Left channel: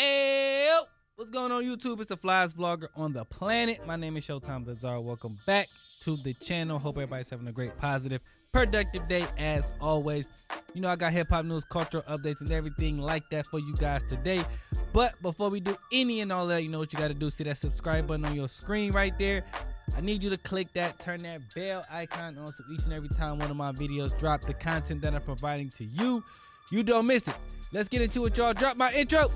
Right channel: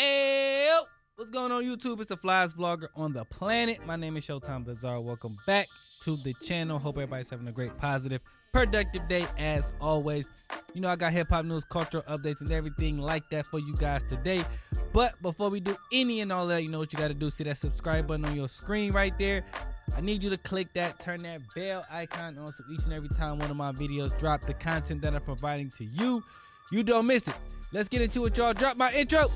Hey, what's going on YouTube? It's the flyest vlogger on the planet. My name is Showtime Lazar. Welcome back to the channel. Hope everybody's having a great, positive, productive day as always. You know I got hip-hop news, cultural updates, and everything like that for you guys today. But before we do any and all that, you know what you got to do. See that subscribe button on your screen right there. I need you to click that, turn that bell icon on so each and every time one of my videos drop, the content that I'm providing to you, you don't miss it. Let's get into it, y'all. Drop my intro.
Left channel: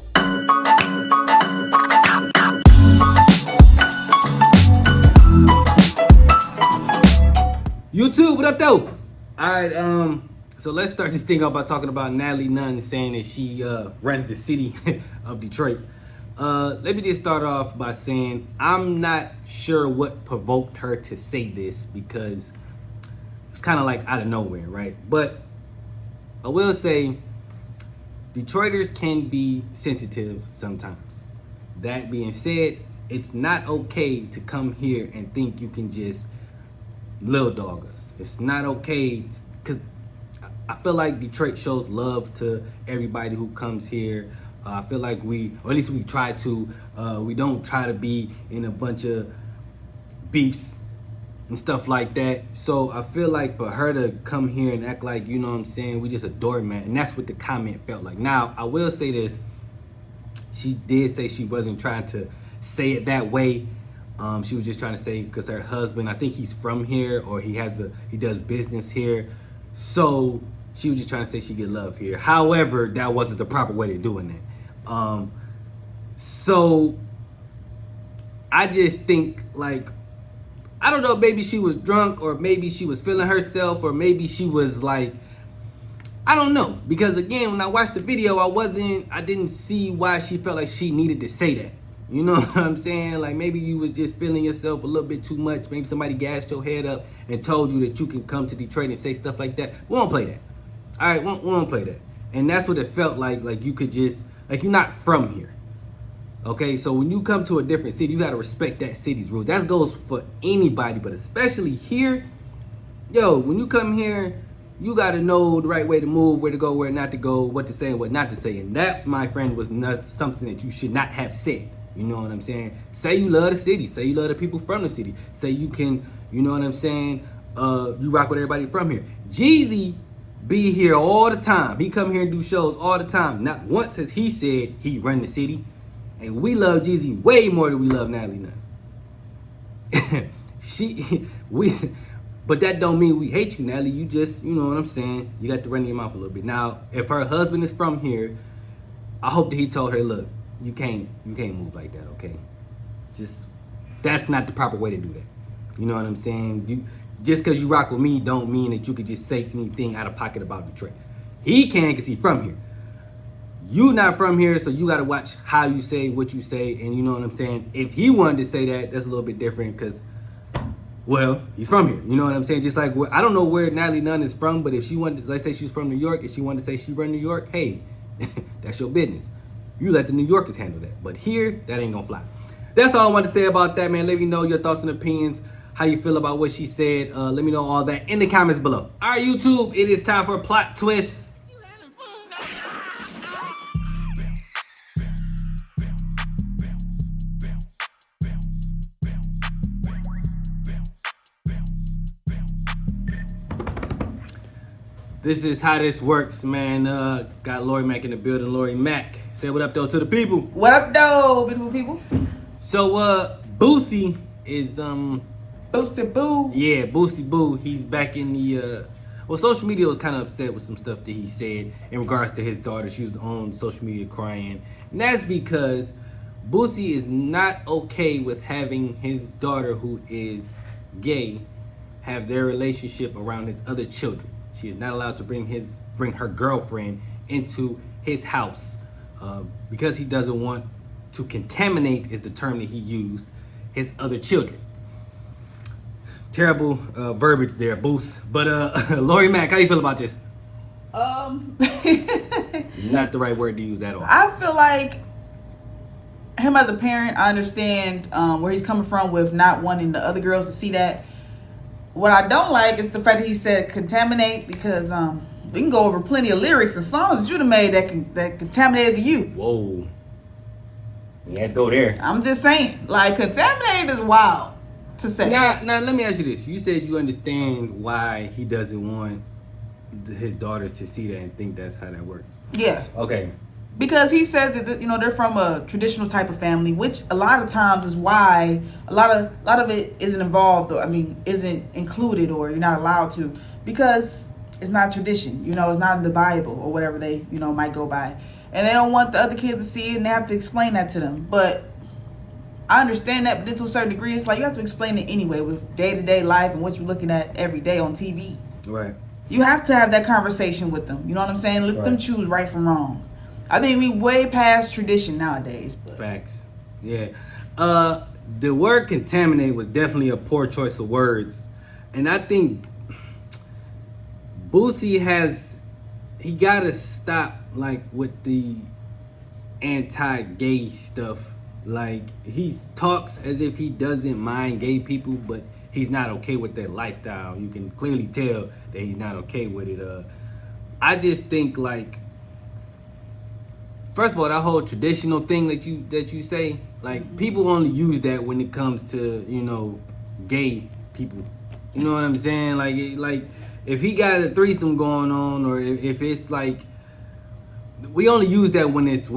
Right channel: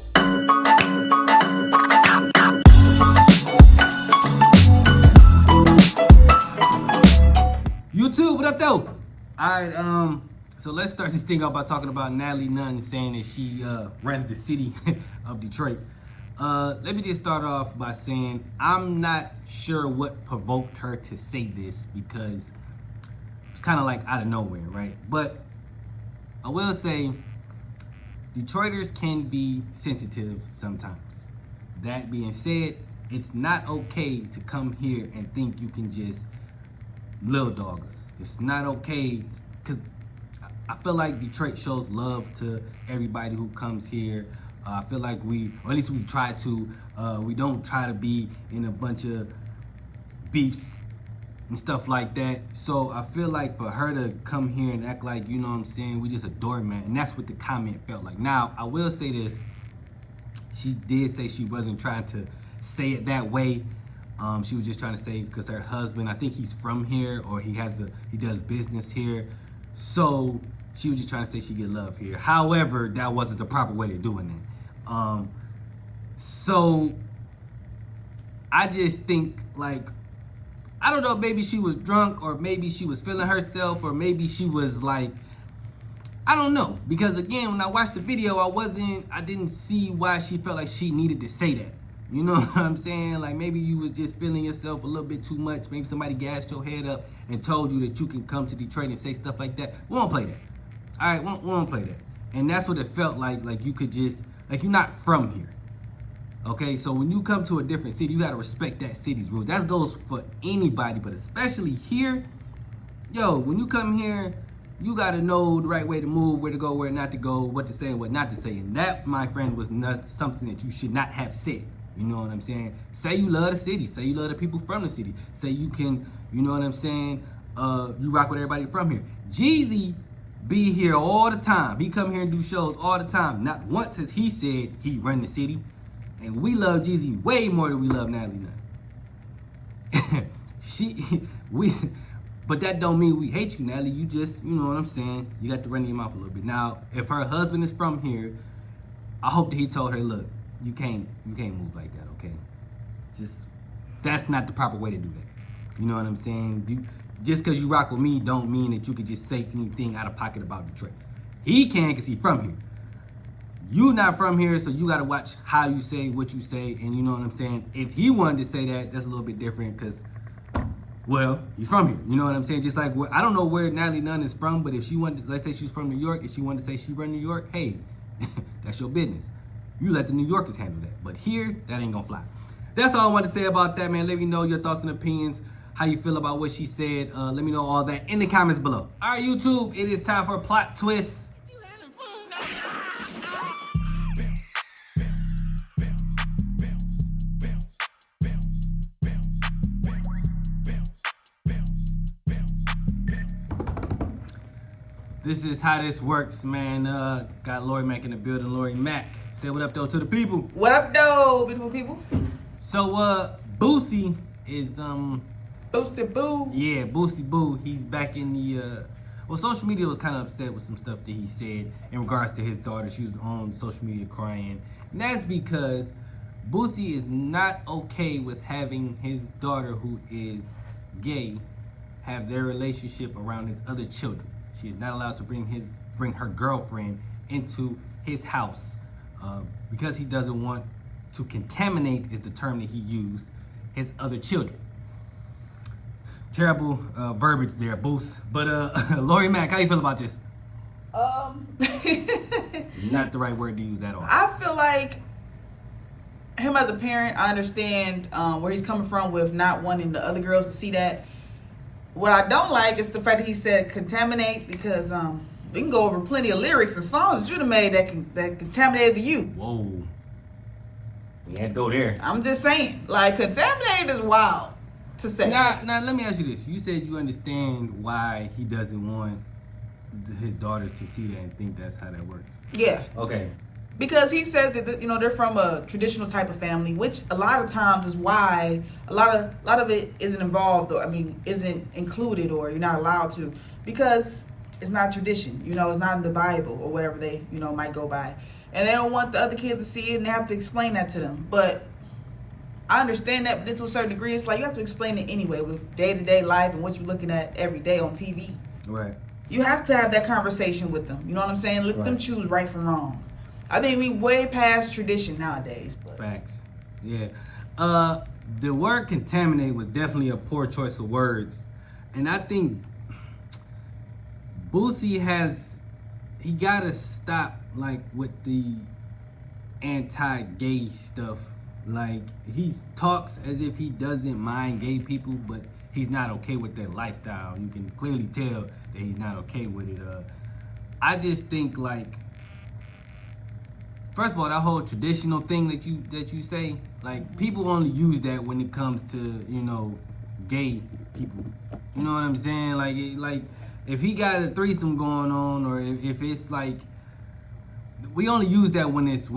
YouTube, what up though? Alright, so let's start this thing off by talking about Natalie Nunn saying that she runs the city of Detroit. Let me just start off by saying I'm not sure what provoked her to say this because it's kind of like out of nowhere, right? But I will say Detroiters can be sensitive sometimes. That being said, it's not okay to come here and think you can just little dog us. It's not okay because I feel like Detroit shows love to everybody who comes here. I feel like or at least we try to, we don't try to be in a bunch of beefs and stuff like that. So I feel like for her to come here and act like, you know what I'm saying, we just adore man, and that's what the comment felt like. Now, I will say this. She did say she wasn't trying to say it that way. She was just trying to say because her husband, I think he's from here or he does business here. So she was just trying to say she get love here. However, that wasn't the proper way of doing that. So I just think like, I don't know, maybe she was drunk or maybe she was feeling herself or maybe she was like, I don't know. Because again, when I watched the video, I didn't see why she felt like she needed to say that. You know what I'm saying? Like maybe you was just feeling yourself a little bit too much. Maybe somebody gassed your head up and told you that you can come to Detroit and say stuff like that. We won't play that. All right, we won't play that. And that's what it felt like you could just, like you're not from here. Okay, so when you come to a different city, you gotta respect that city's rules. That goes for anybody, but especially here. Yo, when you come here, you gotta know the right way to move, where to go, where not to go, what to say and what not to say. And that, my friend, was not something that you should not have said. You know what I'm saying? Say you love the city. Say you love the people from the city. Say you can, you know what I'm saying? You rock with everybody from here. Jeezy be here all the time. He come here and do shows all the time. Not once has he said he run the city. And we love Jeezy way more than we love Natalie Nunn. But that don't mean we hate you, Natalie. You just, you know what I'm saying? You got to run your mouth a little bit. Now, if her husband is from here, I hope that he told her, look, you can't move like that, okay? Just, that's not the proper way to do that. You know what I'm saying? Just because you rock with me don't mean that you could just say anything out of pocket about Detroit. He can because he's from here. You not from here, so you got to watch how you say what you say, and you know what I'm saying? If he wanted to say that, that's a little bit different because, well, he's from here. You know what I'm saying? Just like, I don't know where Natalie Nunn is from, but if she wanted to, let's say she's from New York, if she wanted to say she run New York, hey, that's your business. You let the New Yorkers handle that. But here, that ain't gonna fly. That's all I want to say about that, man. Let me know your thoughts and opinions, how you feel about what she said. Let me know all that in the comments below. All right, YouTube, it is time for a plot twist. This is how this works, man. Got Lori Mack in the building. Lori Mack, say what up though to the people. What up though, beautiful people? So Boosie is Boosie Boo. Yeah, Boosie Boo. He's back in the well, social media was kind of upset with some stuff that he said in regards to his daughter. She was on social media crying. And that's because Boosie is not okay with having his daughter, who is gay, have their relationship around his other children. She is not allowed to bring her girlfriend into his house because he doesn't want to contaminate, is the term that he used, his other children. Terrible verbiage there, Boost. But Lori Mack, how you feel about this? Not the right word to use at all. I feel like him as a parent, I understand where he's coming from with not wanting the other girls to see that. What I don't like is the fact that he said contaminate, because we can go over plenty of lyrics and songs that you'd have made that contaminated you. Whoa. We had to go there. I'm just saying, like, contaminated is wild to say. Now, let me ask you this. You said you understand why he doesn't want his daughters to see that and think that's how that works. Yeah. Okay. Because he said that they're from a traditional type of family, which a lot of times is why a lot of it isn't involved, or isn't included, or you're not allowed to, because it's not tradition. It's not in the Bible or whatever they might go by, and they don't want the other kids to see it, and they have to explain that to them. But I understand that, but then to a certain degree, it's like you have to explain it anyway with day-to-day life and what you're looking at every day on TV. Right. You have to have that conversation with them. You know what I'm saying? Let them choose right from wrong. I think we way past tradition nowadays. Facts. Yeah. The word contaminate was definitely a poor choice of words. And I think Boosie he gotta stop like with the anti-gay stuff. Like, he talks as if he doesn't mind gay people, but he's not okay with their lifestyle. You can clearly tell that he's not okay with it. I just think, like, first of all, that whole traditional thing that you say, like, people only use that when it comes to, gay people. You know what I'm saying? Like if he got a threesome going on, or if it's like, we only use that when it's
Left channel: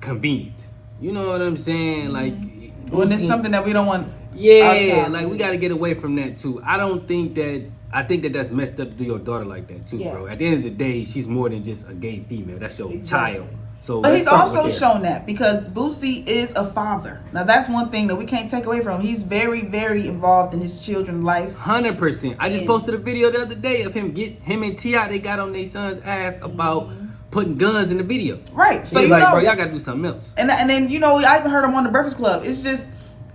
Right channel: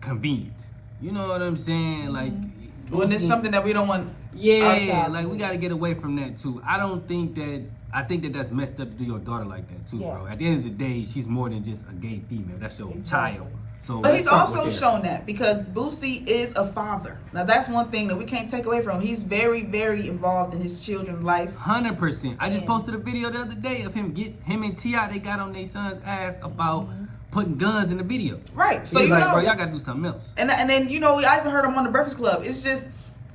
convenient. You know what I'm saying? Like, when it's something that we don't want. Yeah, like, we got to get away from that too. I think that that's messed up to do your daughter like that too, bro. At the end of the day, she's more than just a gay female. That's your child. So, but he's also shown that, because Boosie is a father. Now, that's one thing that we can't take away from him. He's very, very involved in his children's life. 100%. I just posted a video the other day of him and T.I. They got on their son's ass about putting guns in the video. Right. So he's like, bro, y'all got to do something else. And then I even heard him on the Breakfast Club. It's just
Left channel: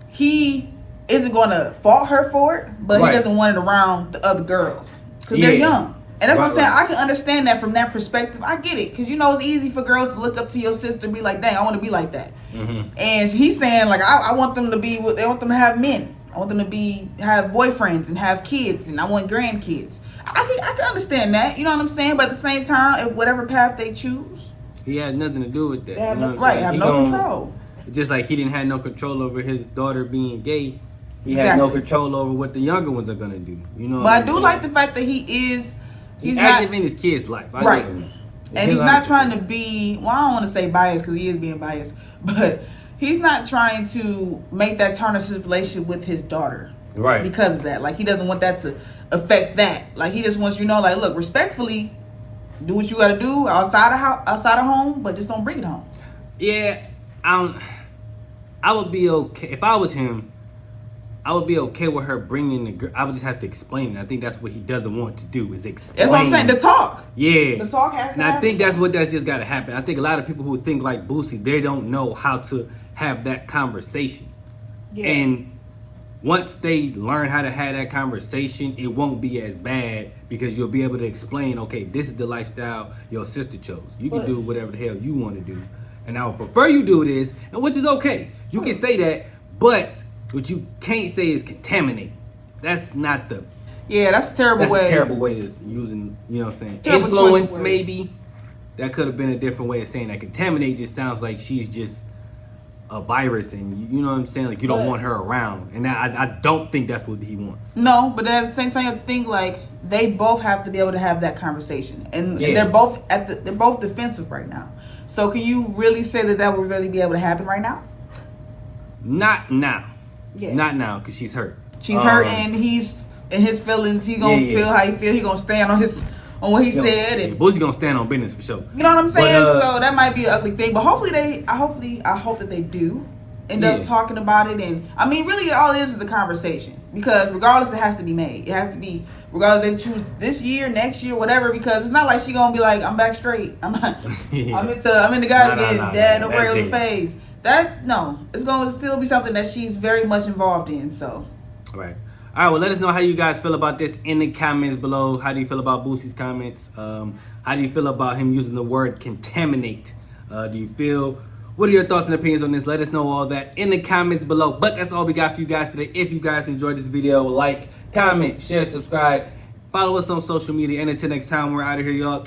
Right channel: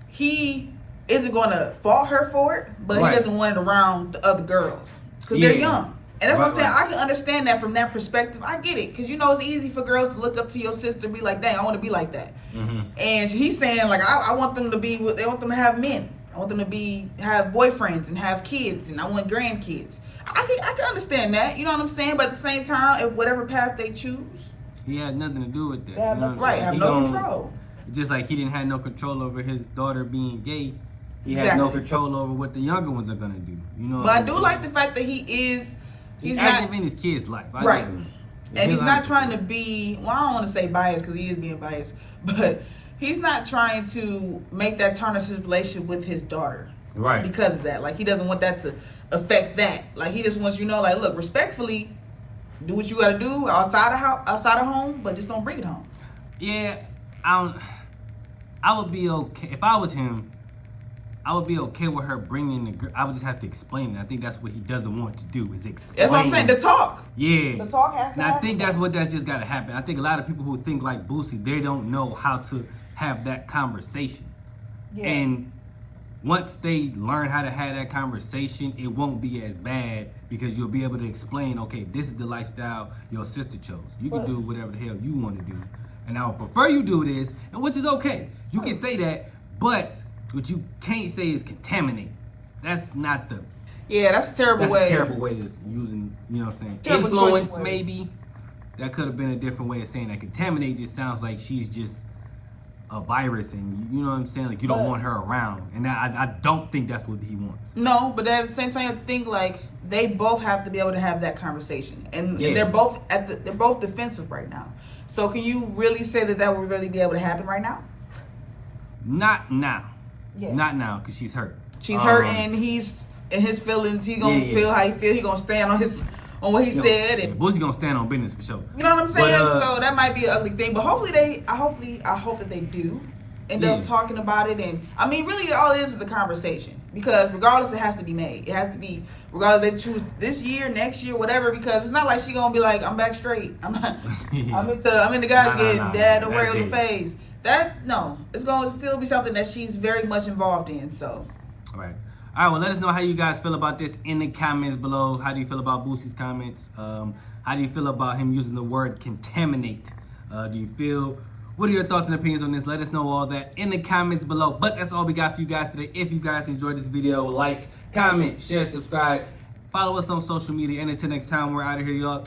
he isn't going to fault her for it, but he doesn't want it around the other girls because they're young. And that's what I'm saying. I can understand that from that perspective. I get it, because it's easy for girls to look up to your sister and be like, dang, I want to be like that. Mm-hmm. And he's saying, like, I want them to be, they want them to have men. I want them to have boyfriends and have kids, and I want grandkids. I can understand that, you know what I'm saying? But at the same time, if whatever path they choose, he has nothing to do with that. Yeah, you know what right, have no control. Just like he didn't have no control over his daughter being gay, he had no control over what the younger ones are gonna do. You know. But I do like the fact that he's active in his kid's life. Right. And he's not trying to be, well, I don't want to say biased, because he is being biased, but he's not trying to make that tarnish his relationship with his daughter. Right. Because of that. Like, he doesn't want that to affect that. Like, he just wants you to know, like, look, respectfully, do what you got to do outside of home, but just don't bring it home. Yeah. I would be okay. If I was him, I would be okay with her bringing the girl. I would just have to explain it. I think that's what he doesn't want to do, is explain. That's what I'm saying, the talk. Yeah. The talk has to And I think that's just got to happen. I think a lot of people who think like Boosie, they don't know how to have that conversation. Yeah. And once they learn how to have that conversation, it won't be as bad, because you'll be able to explain, okay, this is the lifestyle your sister chose. You can do whatever the hell you want to do. And I would prefer you do this, and which is okay. You can say that, but what you can't say is contaminate. That's not the... Yeah, that's a terrible way. That's a terrible way of using, you know what I'm saying? Terrible influence, maybe. That could have been a different way of saying that. Contaminate just sounds like she's just a virus, and you know what I'm saying? Like, you don't want her around. And I don't think that's what he wants. No, but at the same time, I think, like, they both have to be able to have that conversation. And they're both they're both defensive right now. So can you really say that would really be able to happen right now? Not now. Yeah. Not now, because she's hurt. She's hurt, and he's in his feelings. He gonna feel how he feel. He gonna stand on what he said. And Boosie's gonna stand on business for sure. You know what I'm saying? So that might be an ugly thing. But hopefully I hope that they do end up talking about it. And I mean, really, all it is a conversation. Because regardless, it has to be made. It has to be, regardless they choose this year, next year, whatever. Because it's not like she gonna be like, I'm back straight. I'm in the guy again. Dad, don't worry, it was a phase. It's going to still be something that she's very much involved in. So, all right. Well, let us know how you guys feel about this in the comments below. How do you feel about Boosie's comments? How do you feel about him using the word contaminate? What are your thoughts and opinions on this? Let us know all that in the comments below. But that's all we got for you guys today. If you guys enjoyed this video, like, comment, share, subscribe, follow us on social media. And until next time, we're out of here, y'all.